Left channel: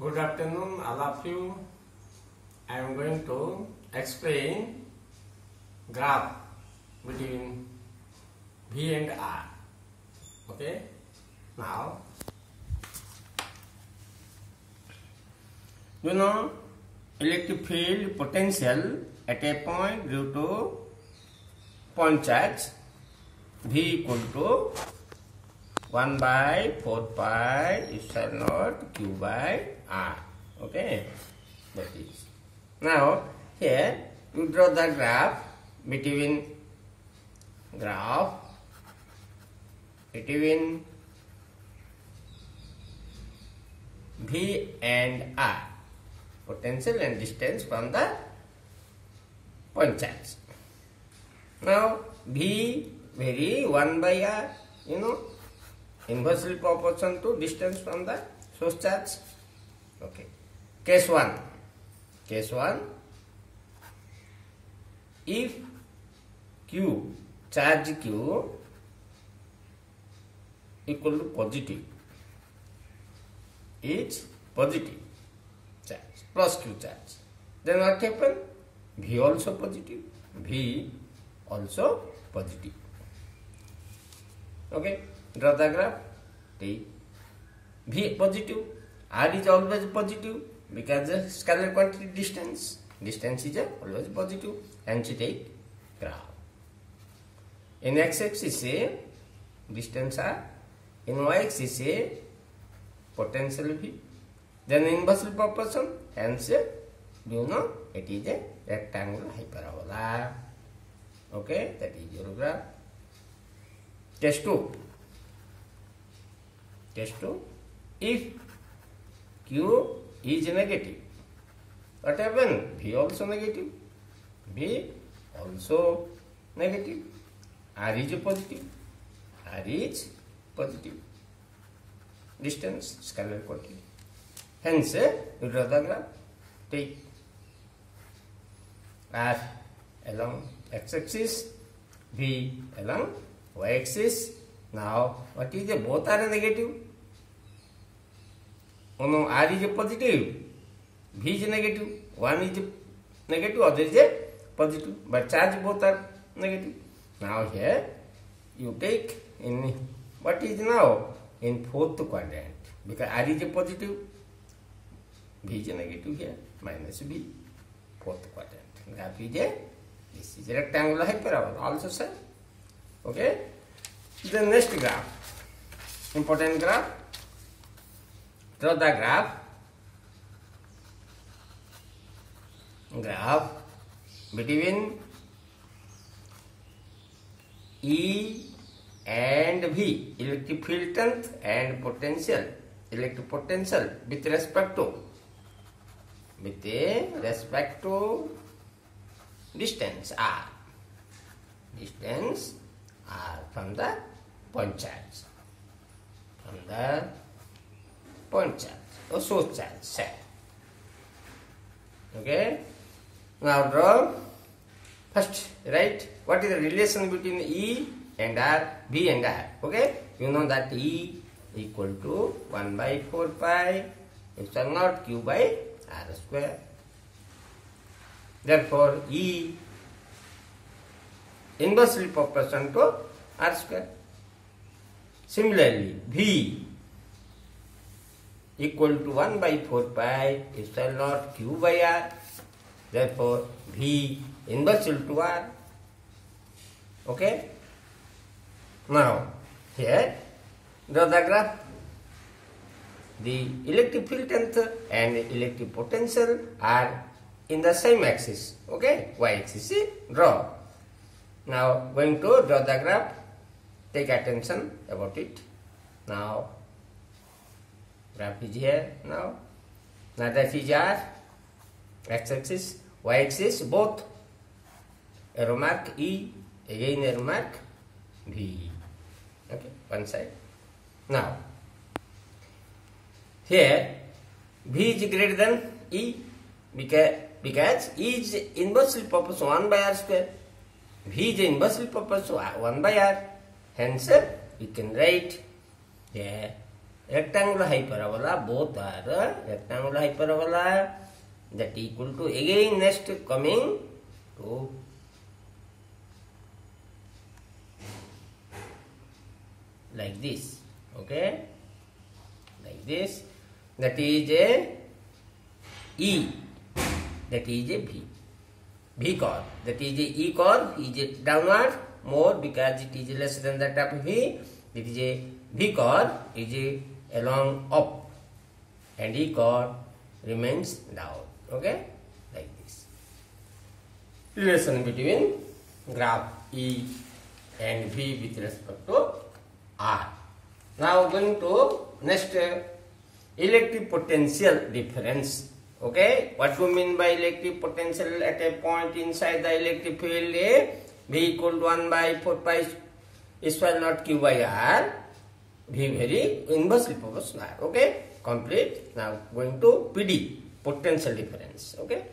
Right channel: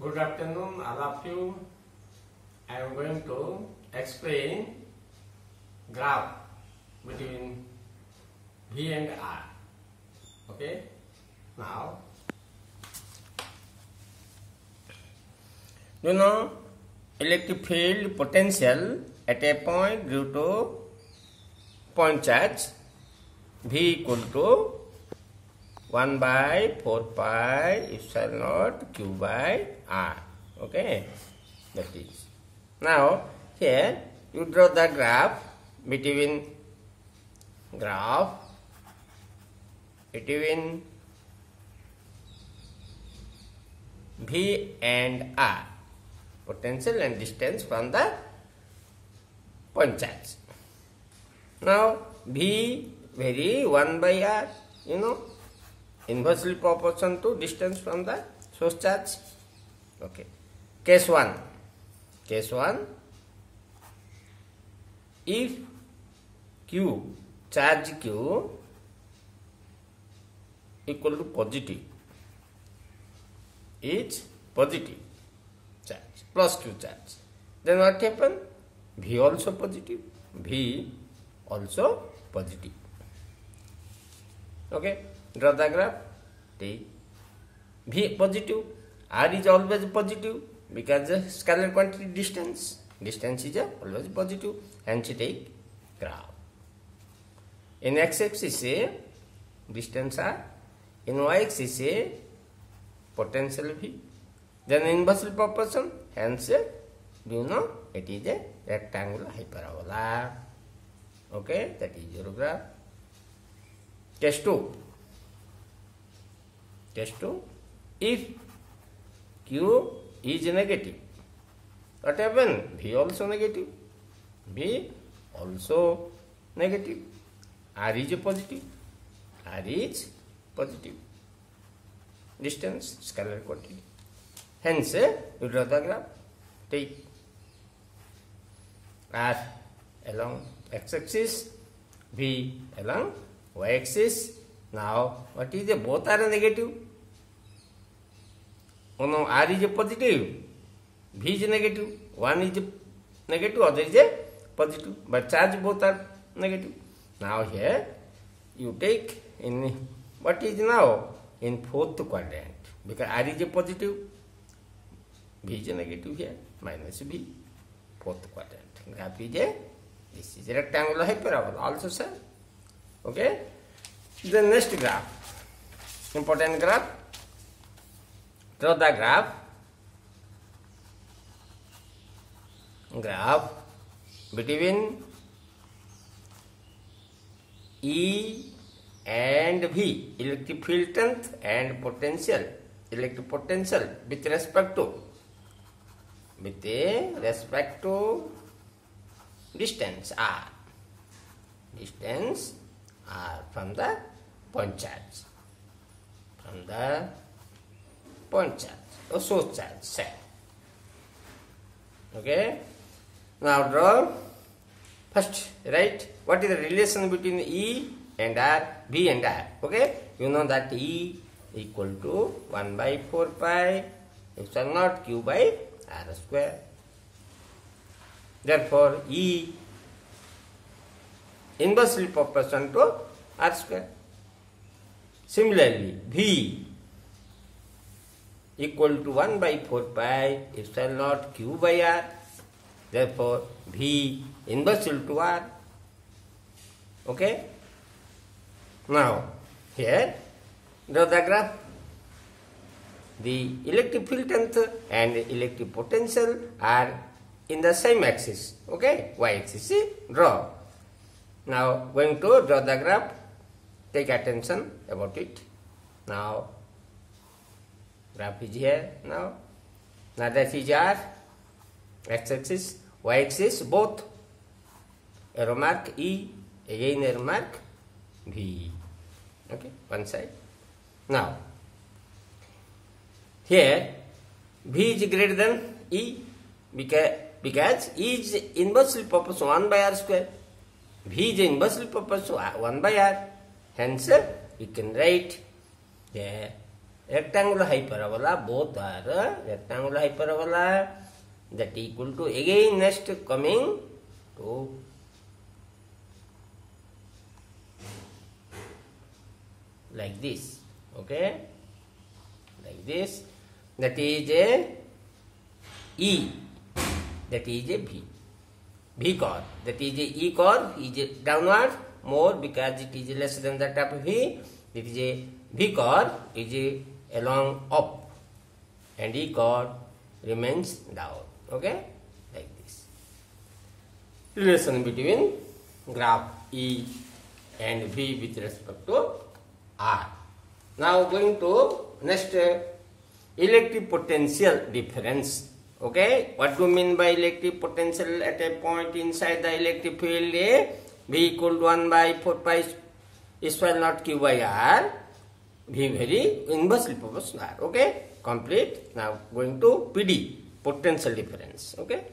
Good afternoon, all of you. I am going to explain graph between V and R. Okay. Now, you know, electric field potential at a point due to point charge V equal to 1 by 4 pi epsilon naught Q by R. Okay, that is. Now here you draw the graph between V and R, potential and distance from the point charge. Now V vary 1 by R, you know, inversely proportional to distance from the source charge. Okay. Case 1. If Q, charge Q equal to positive, is positive charge, plus Q charge, then what happen? V also positive. Okay. Draw the graph. Take V positive. R is always positive because the scalar quantity distance is always positive. Hence take graph. In x-axis say distance R. In y-axis say potential V. Then inversely proportion. Hence you know it is a rectangular hyperbola. Okay, that is your graph. Case 2. If Q is negative, what happens? V also negative. R is positive. Distance, scalar quantity. Hence, we draw the graph. Take R along x-axis, V along y-axis. Now, what is the both are negative? Oh no, R is a positive, V is negative. One is negative, other is a positive. But charge both are negative. Now here you take in what is now in fourth quadrant, because R is a positive, V is a negative here, minus V, fourth quadrant. Graph is a, this is a rectangular hyperbola also sir. Okay. The next graph, important graph. Draw the graph between E and V, electric field strength and potential, electric potential with respect to distance R. Distance R from the point charge. Or source charge set. Okay. Now draw. First, right? What is the relation between E and R, V and R? Okay. You know that E equal to 1 by 4 pi epsilon naught Q by R square. Therefore, E inversely proportional to R square. Similarly, V equal to 1 by 4 pi epsilon naught Q by R. Therefore, V inversely to R. Okay. Now, here, draw the graph. The electric field strength and electric potential are in the same axis. Okay. Y-axis. Draw. Now, going to draw the graph. Take attention about it. Now, graph is here now. Now that is R, x-axis, y-axis, both. Arrow mark E, again arrow mark V. Okay, one side. Now, here V is greater than E because E is inversely proportional 1 by R square. V is inversely proportional 1 by R. Hence, we can write here rectangular hyperbola, both are rectangular hyperbola, that equal to again next coming to like this, okay, like this, that is a E, that is a V chord, that is a E chord, is a downward more because it is less than that of V, it is a V chord, is a along up, and E chord remains down, okay, like this. Relation between graph E and V with respect to R. Now going to next electric potential difference. Okay, what do you mean by electric potential at a point inside the electric field A? V equal to 1 by 4 pi square naught Q by R. V very inversely proportional R. Okay, complete. Now going to PD, potential difference. Okay,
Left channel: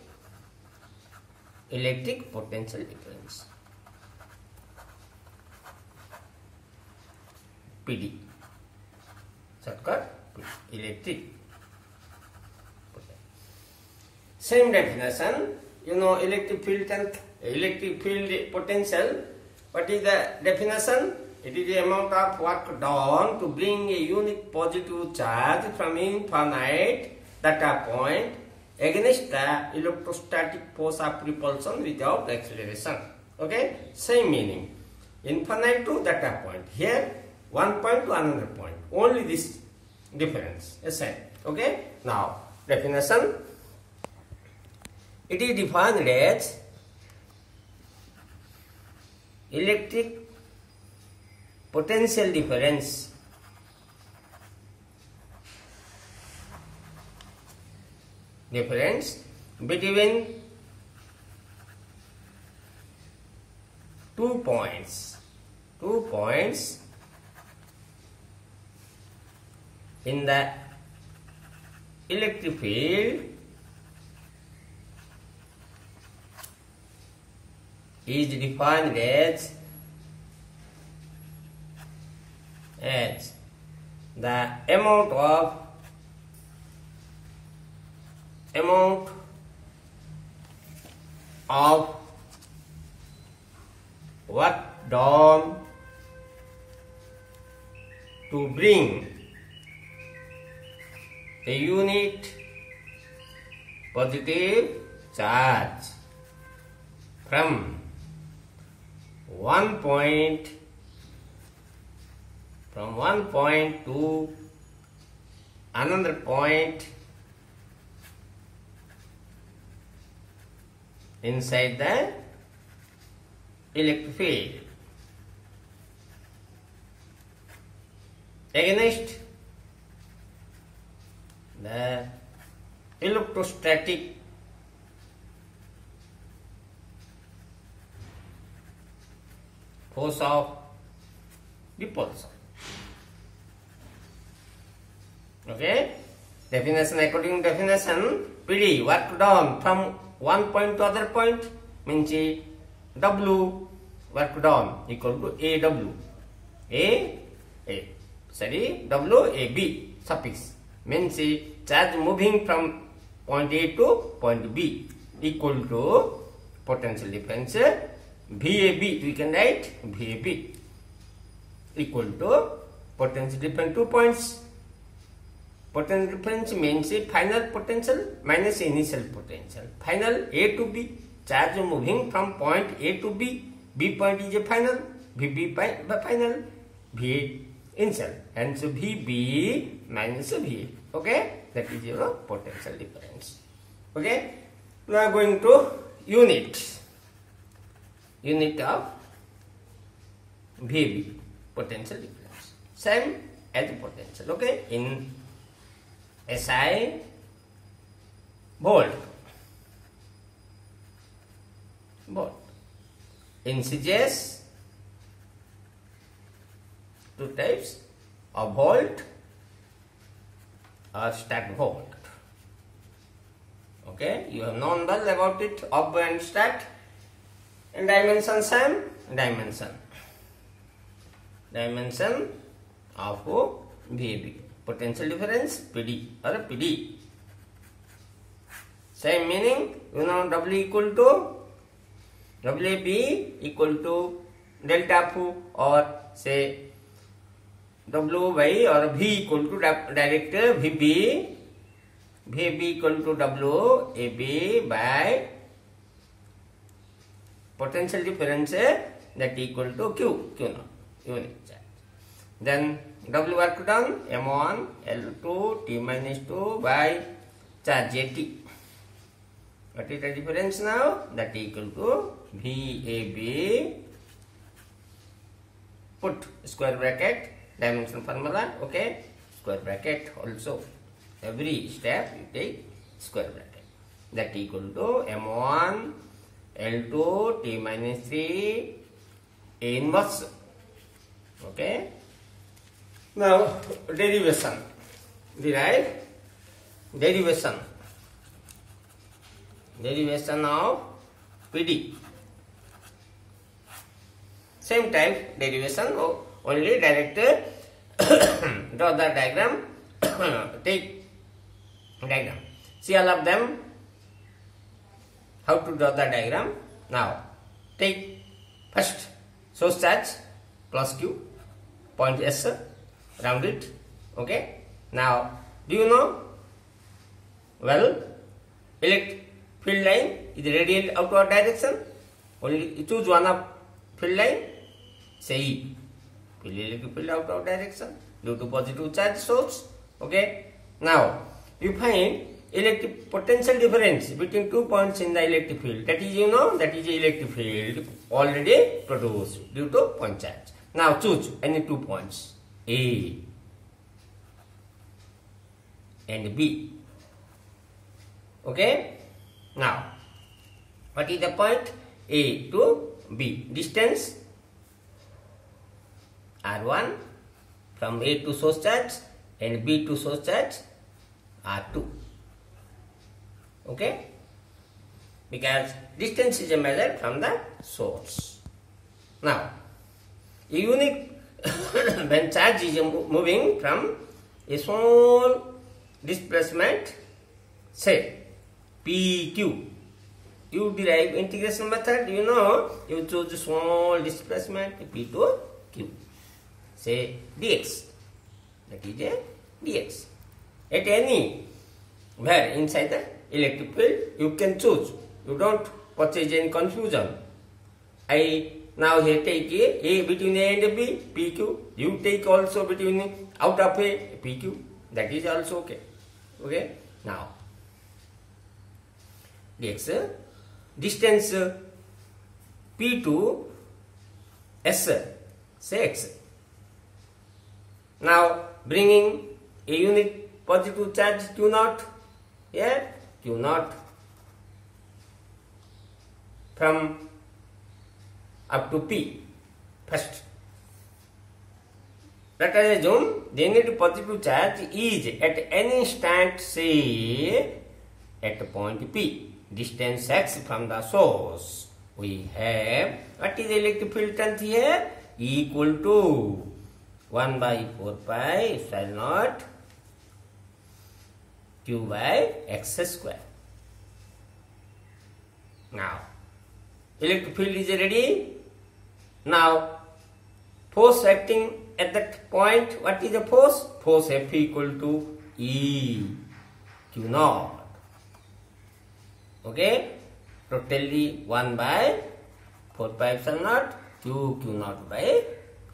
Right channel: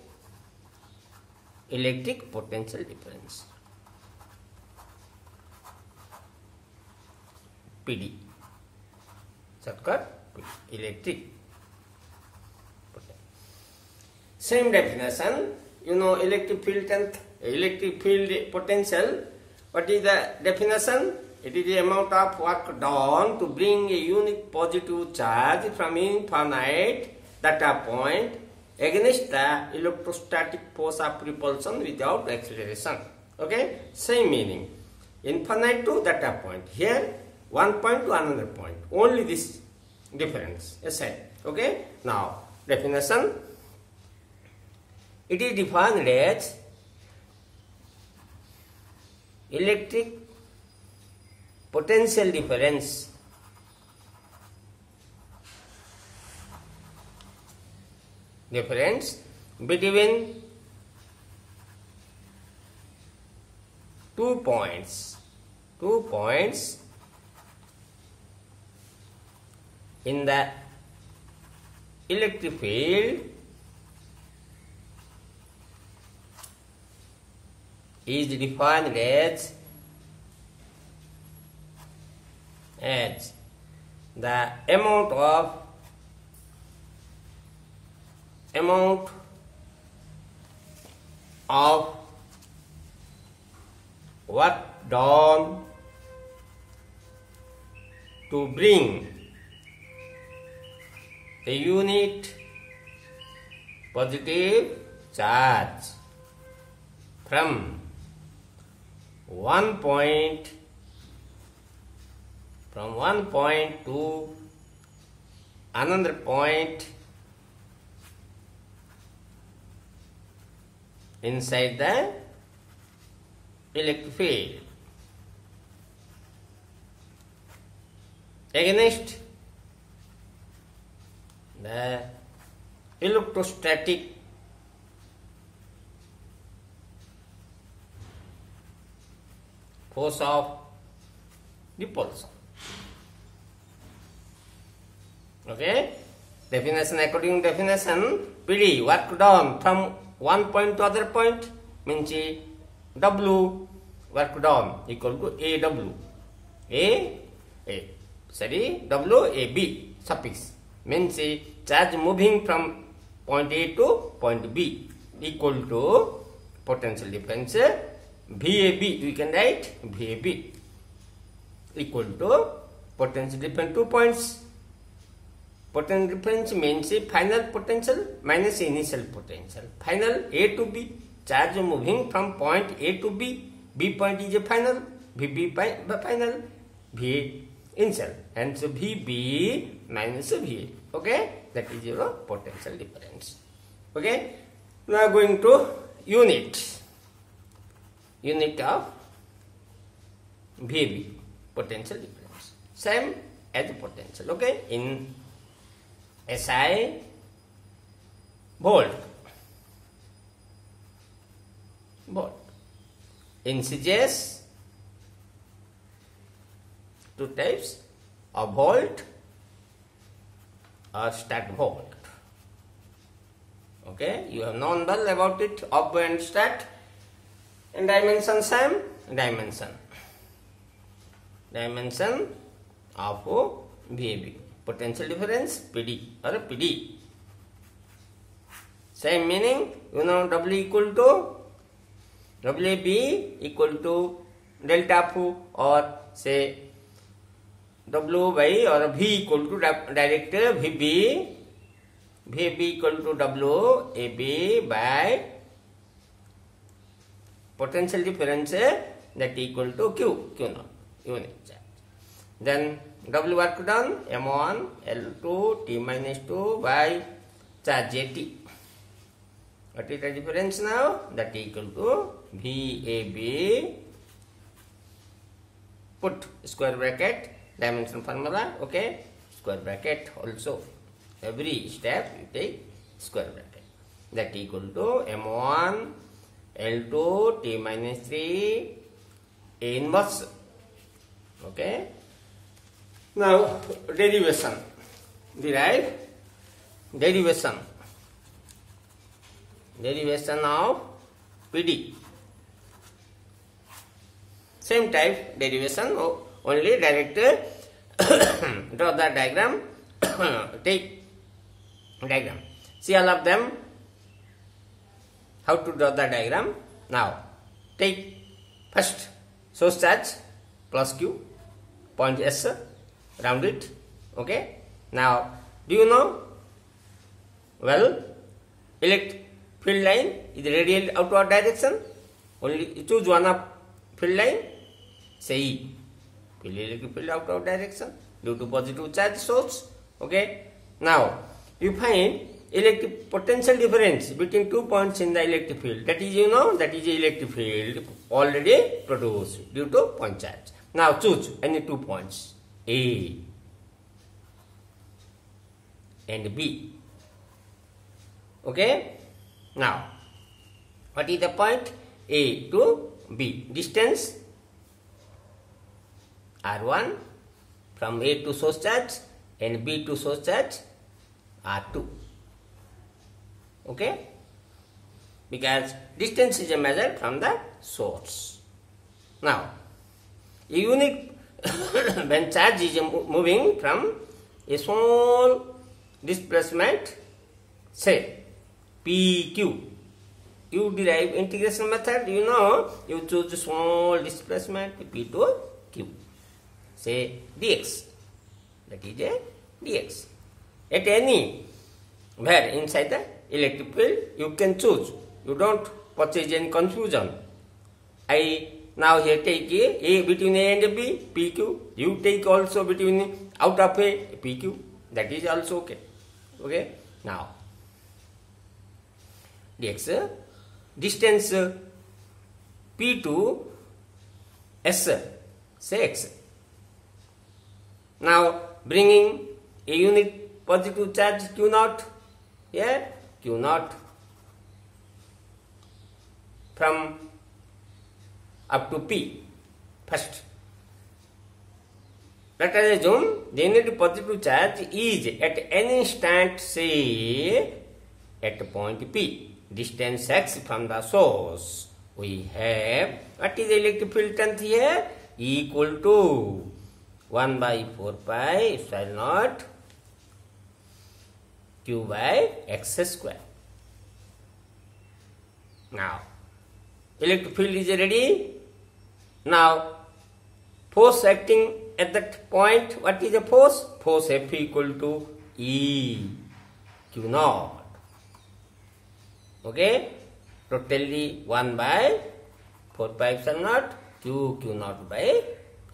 electric potential difference. PD, shortcut electric. Same definition, you know, electric field potential. What is the definition? It is the amount of work done to bring a unit positive charge from infinite data point against the electrostatic force of repulsion without acceleration. Okay, same meaning. Infinite to data point. Here, one point to another point. Only this difference is said. Okay, now definition. It is defined as electric potential difference between 2 points in the electric field is defined as the amount of work done to bring a unit positive charge from one point to another point inside the electric field against the electrostatic force of repulsion. Okay, definition according to definition, PD, work done from one point to other point means W work done equal to AW. WAB suffix means charge moving from point A to point B equal to potential difference VAB. We can write VAB equal to potential difference 2 points. Potential difference means final potential minus initial potential. Final A to B, charge moving from point A to B. B point is a final, VB by final, VA initial, and so VB minus VA. Okay, that is your potential difference. Okay, now going to unit of VB, potential difference, same as potential. Okay, in SI volt. In CGS, two types of volt or stat volt. Okay, you have known well about it, ob and stat. And dimension same, dimension of VAB. potential difference PD or PD. Same meaning, W equal to WB equal to delta F, or say W by or V equal to direct VB equal to WAB by potential difference that equal to Q0 unit charge. Then W work done M1 L2 T minus 2 by charge JT. What is the difference now? That equal to VAB, put square bracket, dimension formula, okay, square bracket also. Every step you take square bracket. That equal to M1 L2 T minus 3 A inverse. Okay. Now derivation. Derive derivation of PD. Same type derivation, only direct draw the diagram. Take diagram. See all of them. How to draw the diagram? Now take first source charge plus Q, point S, round it. Okay. Now do you know? Well, electric field line is radial outward direction. Only choose one of field line. Say E. Electric field outward direction due to positive charge source. Okay. Now you find electric potential difference between 2 points in the electric field. That is, that is electric field already produced due to point charge. Now choose any 2 points, A and B. Okay. Now, what is the point? A to B. Distance R1 from A to source charge and B to source charge R2. Okay? Because distance is a measure from the source. Now, a unit when charge is moving from a small displacement, say PQ. You derive integration method, you choose small displacement P to Q. Say dx. That is a dx. At any where inside the electric field, you can choose. You don't purchase any confusion. I now here take A between A and B, PQ. You take also between out of A, PQ. That is also okay. Okay. Now dx, distance P to S, say x. Now bringing a unit positive charge Q0 here, Q0 from up to P first. Let us assume the unit positive charge is at any instant, say at point P. Distance x from the source. We have, what is the electric field strength here? Equal to 1 by 4 pi epsilon naught Q by x square. Now, electric field is ready. Now, force acting at that point, what is the force? Force F equal to E Q0. Okay, totally 1 by 4 pi epsilon naught Q0 by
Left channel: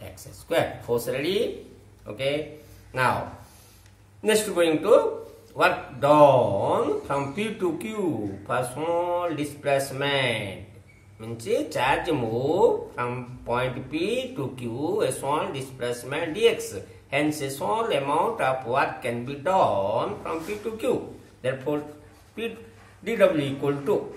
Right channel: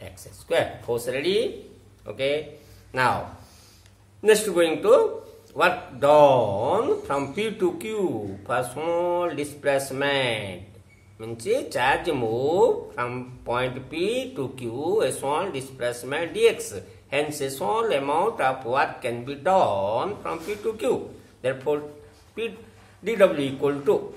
x square. Force ready. Okay. Now, next going to work done from P to Q for small displacement. Means charge move from point P to Q, a small displacement dx. Hence, a small amount of work can be done from P to Q. Therefore, dW equal to,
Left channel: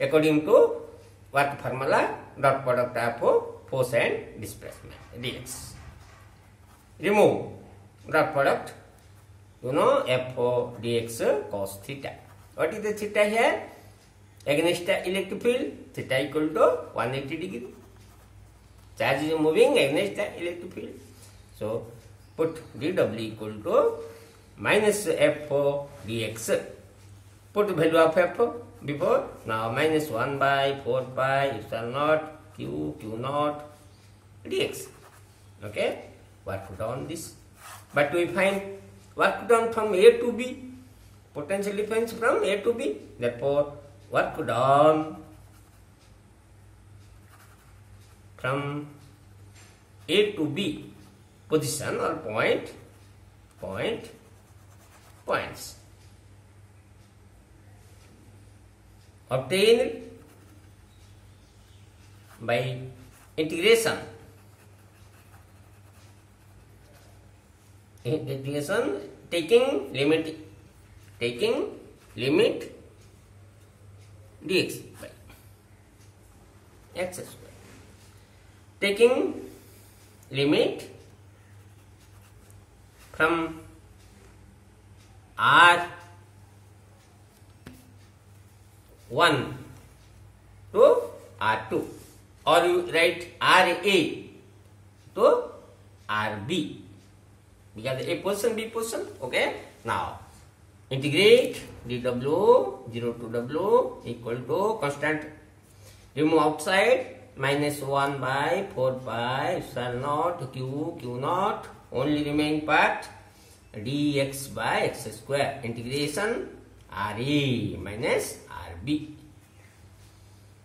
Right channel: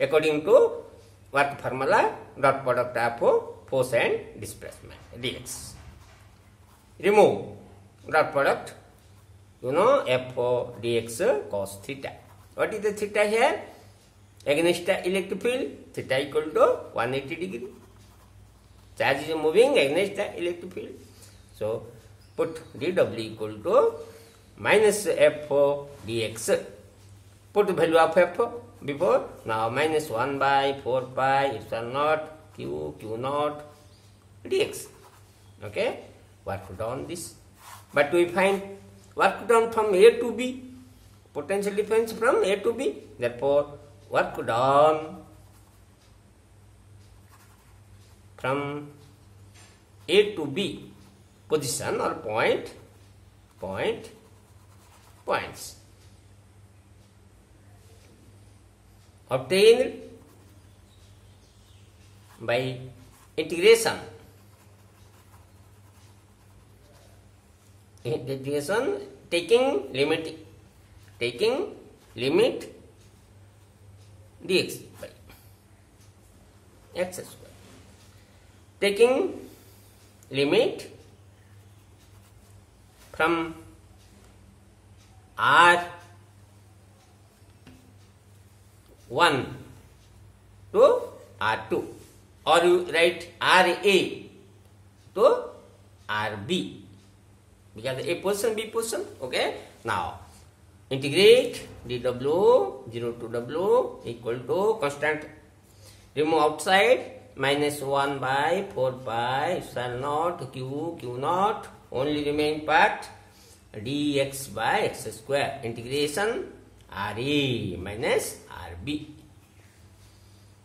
according to work formula, dot product of force and displacement dx. Remove dot product, F dx cos theta. What is the theta here? Against the electric field, theta equal to 180 degree. Charge is moving against the electric field. So, put dw equal to minus f dx. Put the value of f before. Now minus 1 by 4 pi epsilon naught q naught dx. Okay, work down this. But we find work done from A to B. Potential difference from A to B. Therefore, work done from A to B position or points obtained by integration taking limit dx by x square, taking limit from R1 to R2, or you write RA to RB, because A position, B position. Okay, now integrate dw 0 to w equal to constant, remove outside, minus 1 by 4 pi epsilon naught q naught, only remain part dx by x square, integration RA minus RB.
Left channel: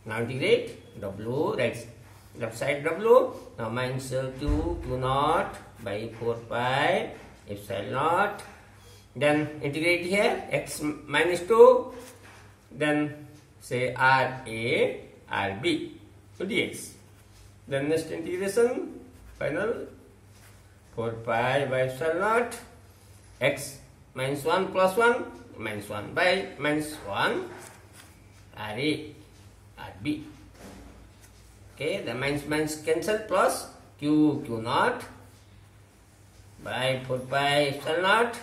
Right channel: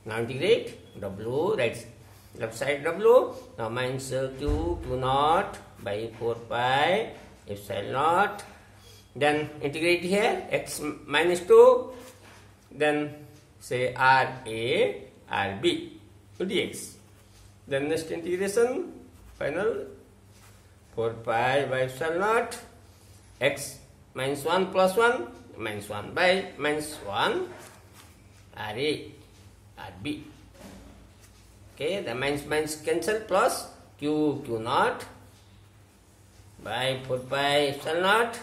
Now integrate w, right left side w, now minus q naught by 4 pi epsilon naught, then integrate here x minus 2, then say RA RB to dx. Then next integration, final 4 pi by epsilon naught, x minus 1 plus 1, minus 1 by minus 1 RA RB. Okay, the minus cancel, plus q naught by 4 pi epsilon naught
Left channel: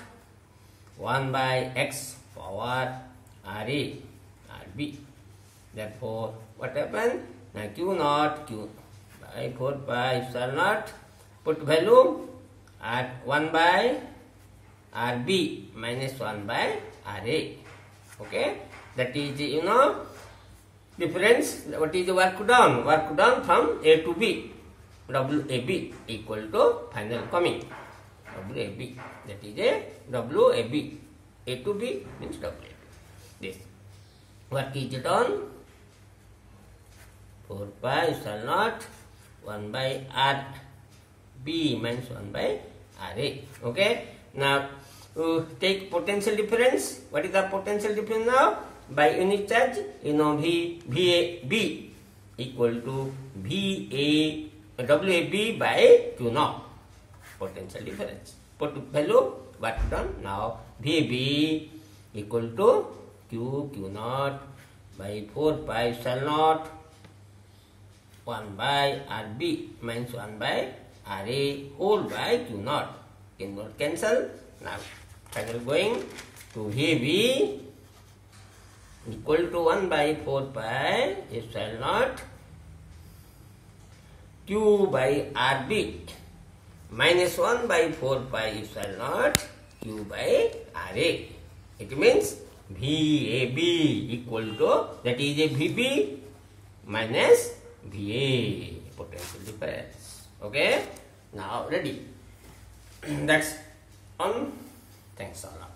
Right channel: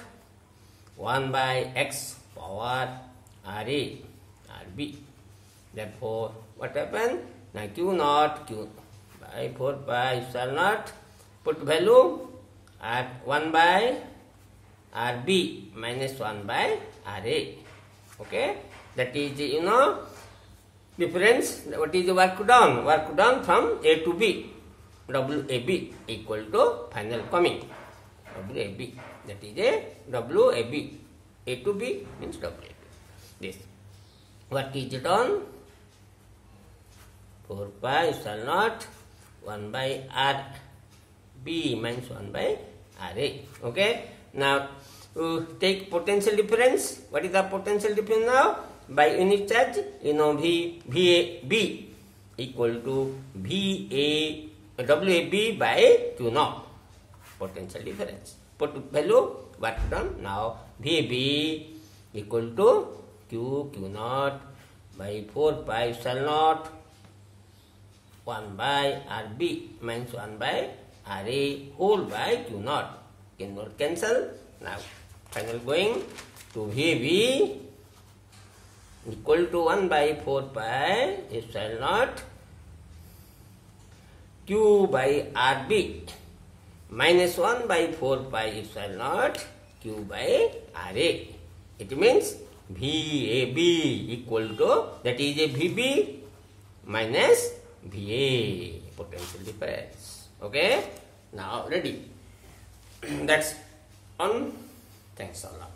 1 by x power RA RB. Therefore, what happened? Now q naught by 4 pi epsilon naught, put value at 1 by RB minus 1 by RA. Okay, that is the difference. What is the work done? Work done from A to B. WAB equal to final coming. WAB, that is a WAB. A to B means WAB. This work is done. 4 pi epsilon naught 1 by RB minus 1 by RA. Okay, now take potential difference. What is the potential difference now? By unit charge, VAB equal to WAB by Q naught. Potential difference. Put value, work done. Now VAB equal to Q naught by 4 pi epsilon naught 1 by RB minus 1 by RA whole by Q naught. Q naught cancel. Now final going to VAB equal to 1 by 4 pi epsilon naught Q by RB minus 1 by 4 pi epsilon naught Q by RA. It means VAB equal to, that is a VB minus VA, potential difference. Okay, now ready. That's on. Thanks a lot.